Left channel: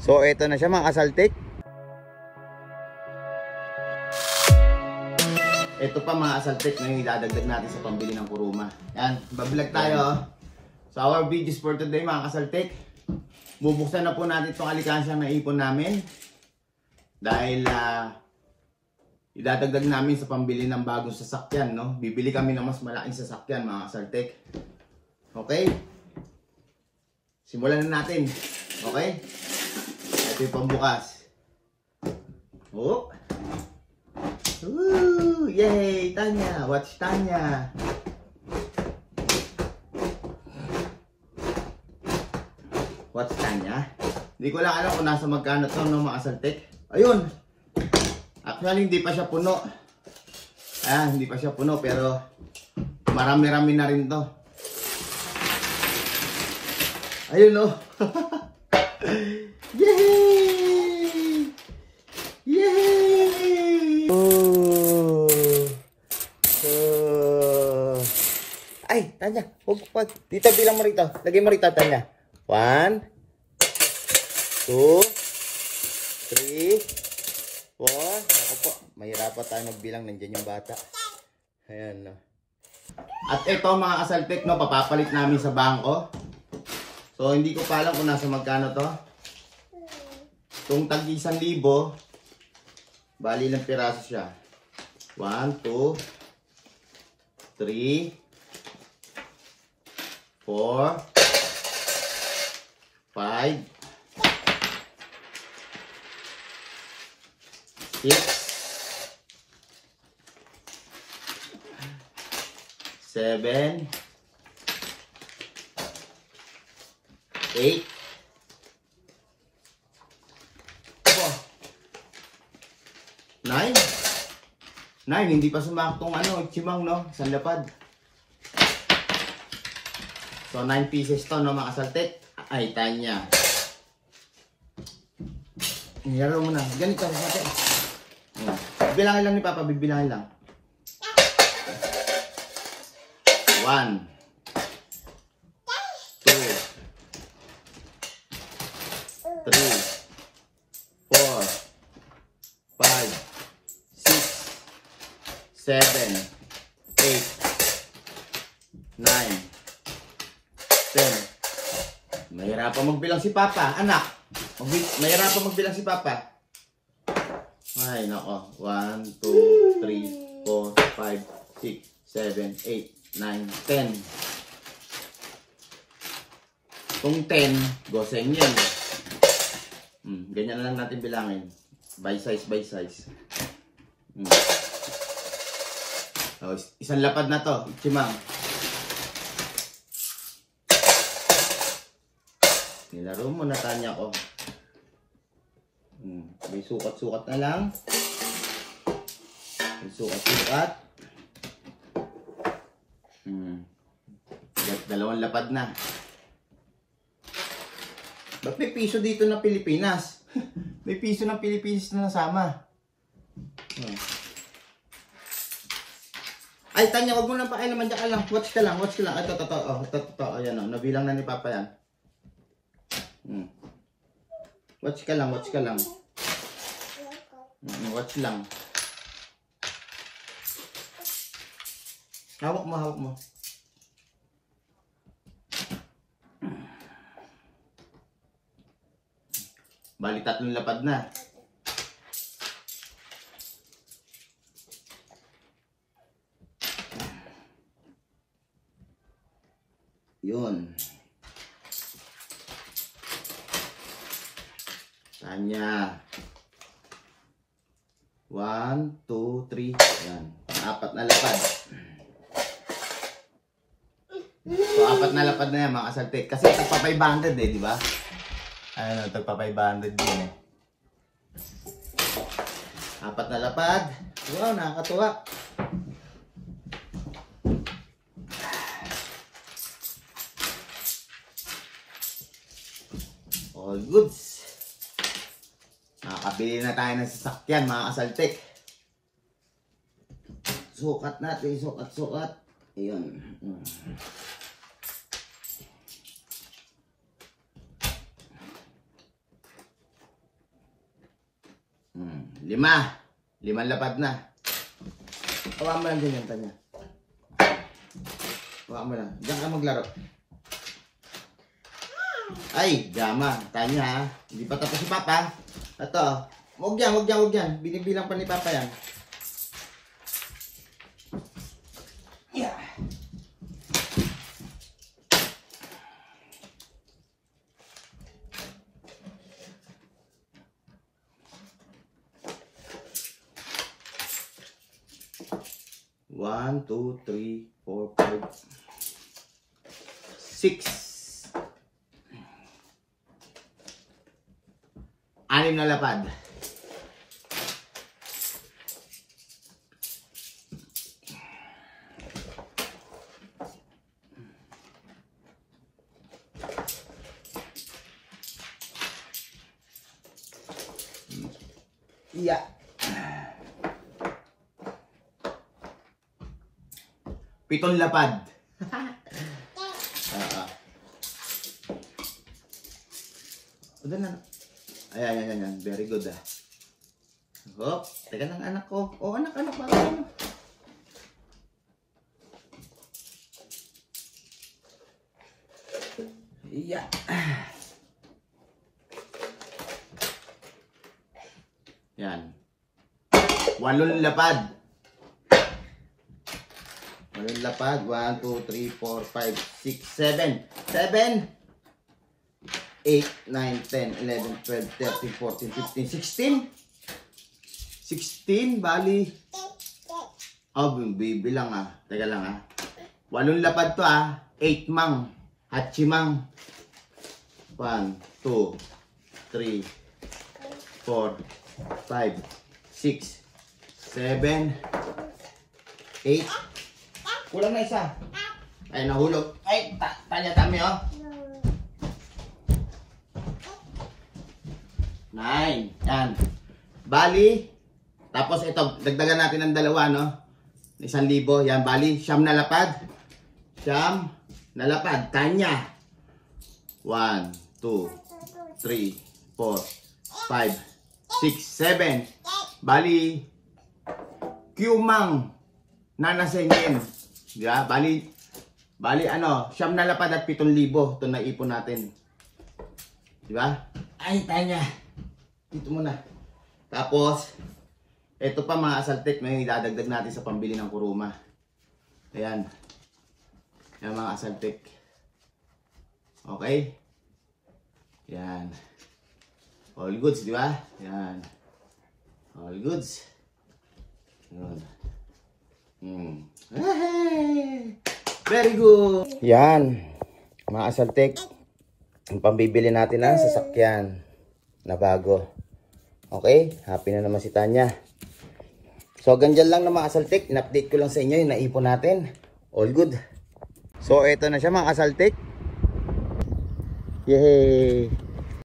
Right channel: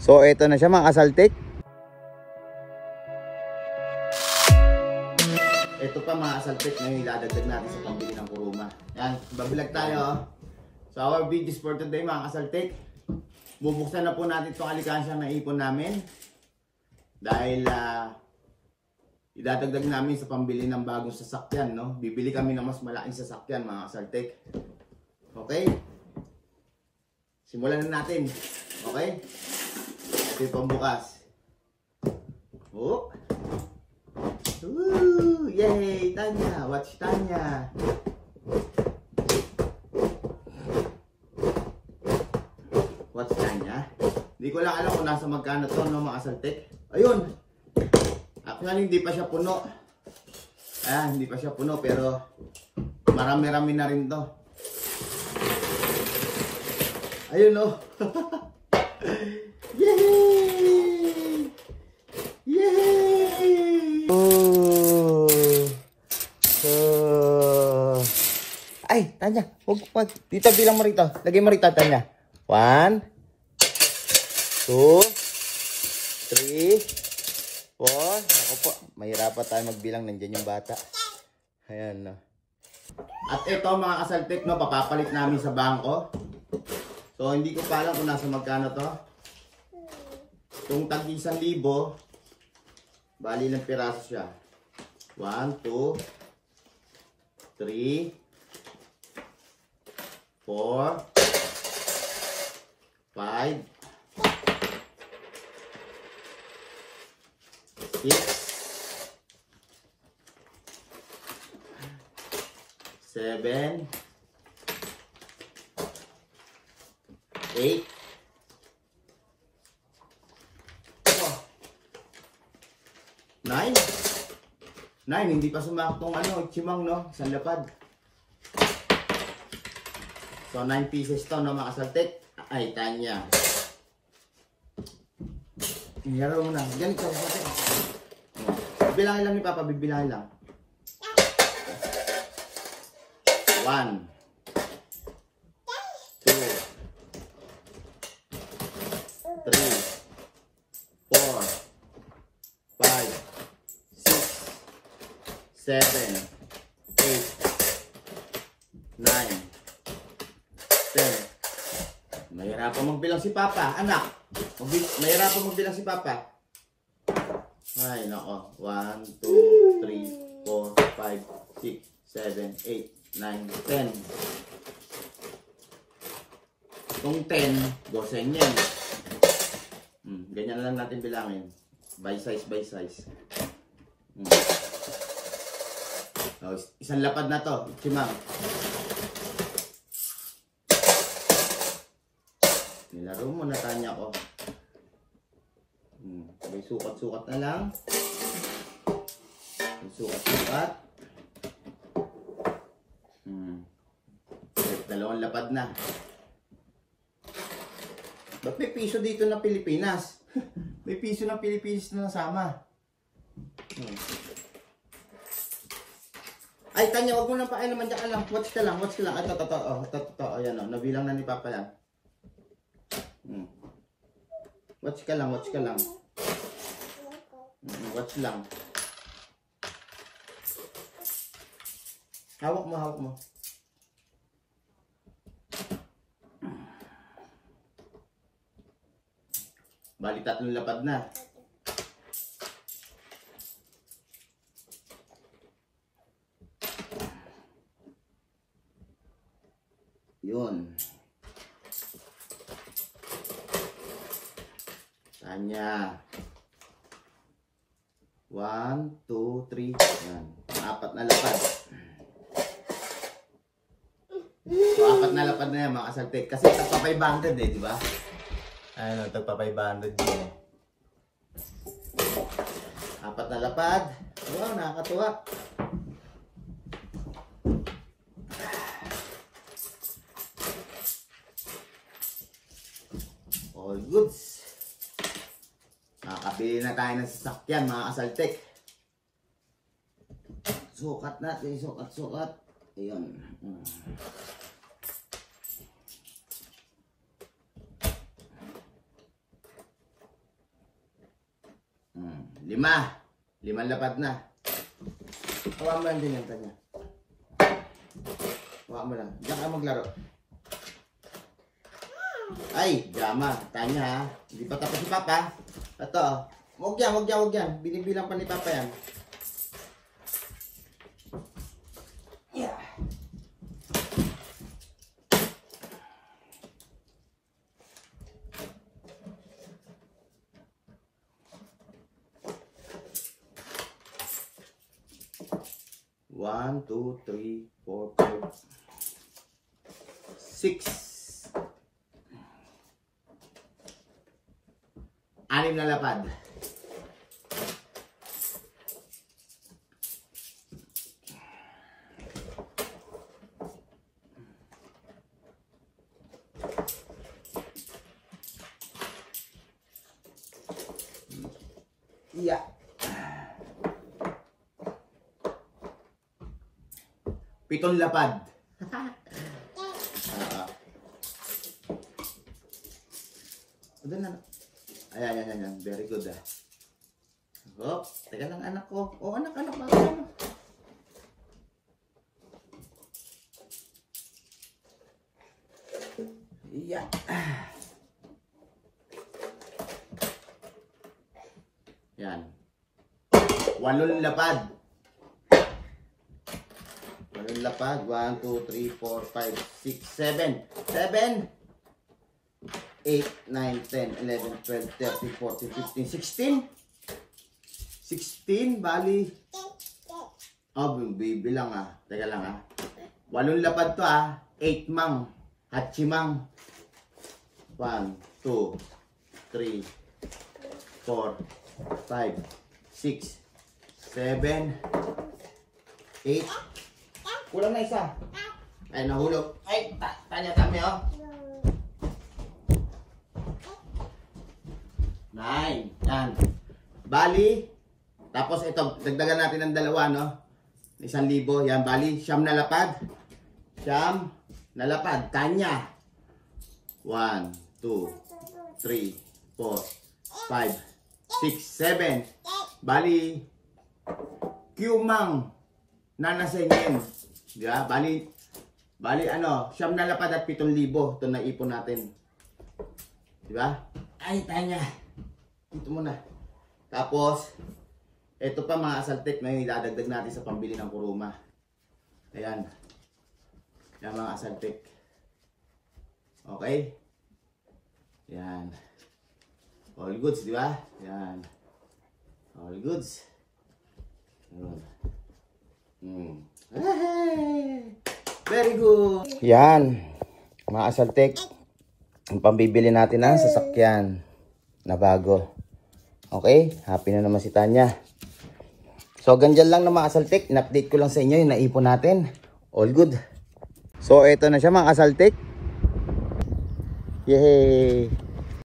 So eto na siya mga kasaltik. Ito pa mga kasaltik na iladagdag natin sa pambili ng kuruma. Yan, babilag tayo. So our videos for today mga kasaltik. Bubuksan na po natin itong alikansya na ipon namin. Dahil idadagdag namin sa pambili ng bagong sasakyan, no? Bibili kami ng mas malaking sasakyan mga kasaltik. Okay? Simulan na natin. Okay? Ito yung pambukas. Oh. Woo! Yay! Tanya! Watch Tanya! Watch Tanya? Hindi ko lang alam kung nasa magkano to, no, mga kasaltik. Ayun! Actually, hindi pa siya puno. Hindi pa siya puno, pero marami-rami na rin to. Ayun, no? Yay! Yay! Oh! Ay, Tanya, wag. Dito, bilang mo rito. Lagay mo rito, Tanya. 1, 2, 3, 4. Ako po, mahirapan tayo magbilang. Nandiyan yung bata. Ayan, no. At ito mga kasaltik, no, papapalit namin sa bangko. So, hindi ko pa alam kung nasa magkano to. Itong tag 1,000, bali lang piraso siya. 1, 2, 3, 4, 5, 6, 7, 8, 9. 9, hindi pa sumaktong chimang, no? Isang lapad. So 9 pieces to, no, mga kasaltik. Ay, Tanya. Nilaro mo na. Ganito, natin. Bibilangin lang ni Papa, bibilangin lang. 1, 2, 3, 4, 5, 6, 7, 8, 9, 10. Mahirapan magbilang si Papa, anak. Mahirapan magbilang si Papa. Ay, nako. 1, 2, 3, 4, 5, 6, 7, 8, 9, 10. Kung 10, goseng yan. Ganyan lang natin bilangin. By size, by size. Oh, isang lapad na to, chimang. Nilaro mo na, Tanya ko. May sukat-sukat na lang. May sukat-sukat. Dalawang lapad na. Ba't may piso dito na Pilipinas? May piso ng Pilipinas na nasama. Ay, Tanya, wag mo nang pakialaman. Diyan ka lang. Watch ka lang. Watch ka lang. Ito. Ayan, o. Nabilang na ni Papa yan. Watch ka lang. Watch ka lang. Watch lang. Hawak mo, hawak mo. Bali, 3 lapad na. Yun. Tanya. 1, 2, 3. Yan. 4 na lapad. So, 4 na lapad na yan mga kasaltik. Kasi tagpa 500 di ba? Ano, tagpa 500 din eh. 4 na lapad. Wow, nakakatuwa. All goods. Nakakabili na tayo ng sasakyan mga kasaltik. Sukat natin, sukat. Ayun. Limang lapad na. Hawa mo lang din yung tanya. Hawa mo lang. Diyan ka maglaro. Ay, Jama. Tanya ha. Hindi pa tapos si Papa. Ito. Huwag yan. Binibilang pa ni Papa yan. Yeah. One, two, three, 4, 5, 6. 6 na lapad. Yeah. 7 lapad. Udah na. Ayan. Very good ah. Oh, teka lang anak ko. Oh, anak, bakit ano? Iya. Yan. 8 lapad. 8 lapad. 1, 2, 3, 4, 5, 6, 7. 8, 9, 10, 11, 12, 13, 14, 15, 16. 16, bali. Oh, bibilang ah. Teka lang ah. 8 lapad to ah. 8 mang. Hachimang. 1, 2, 3, 4, 5, 6, 7, 8. Kulang na isa. Ay, nahulog. Ay, tanya kami oh. 9. Yan. Bali. Tapos ito, dagdagan natin ng 2, no? 1,000. Yan, bali. 9 na lapad. 9 na lapad. Tanya. 1, 2, 3, 4, 5, 6, 7. Bali. Qmang. Nanasenyen. Diba? Bali ano, 9 na lapad at 7,000. Ito na ipon natin. Diba? Ay, Tanya. Dito muna. Tapos, ito pa mga asaltek na yung idadagdag natin sa pambili ng kuruma. Ayan. Ayan mga asaltek. Okay? Ayan. All goods, di ba? Ayan. All goods. Ayan. Hey! Very good. Yan. Mga asaltek. Ang pambibili natin ng sasakyan na bago. Okay? Happy na naman si Tanya. So, ganyan lang na mga asaltek. In-update ko lang sa inyo yung naipon natin. All good. So, eto na siya mga asaltek. Yay!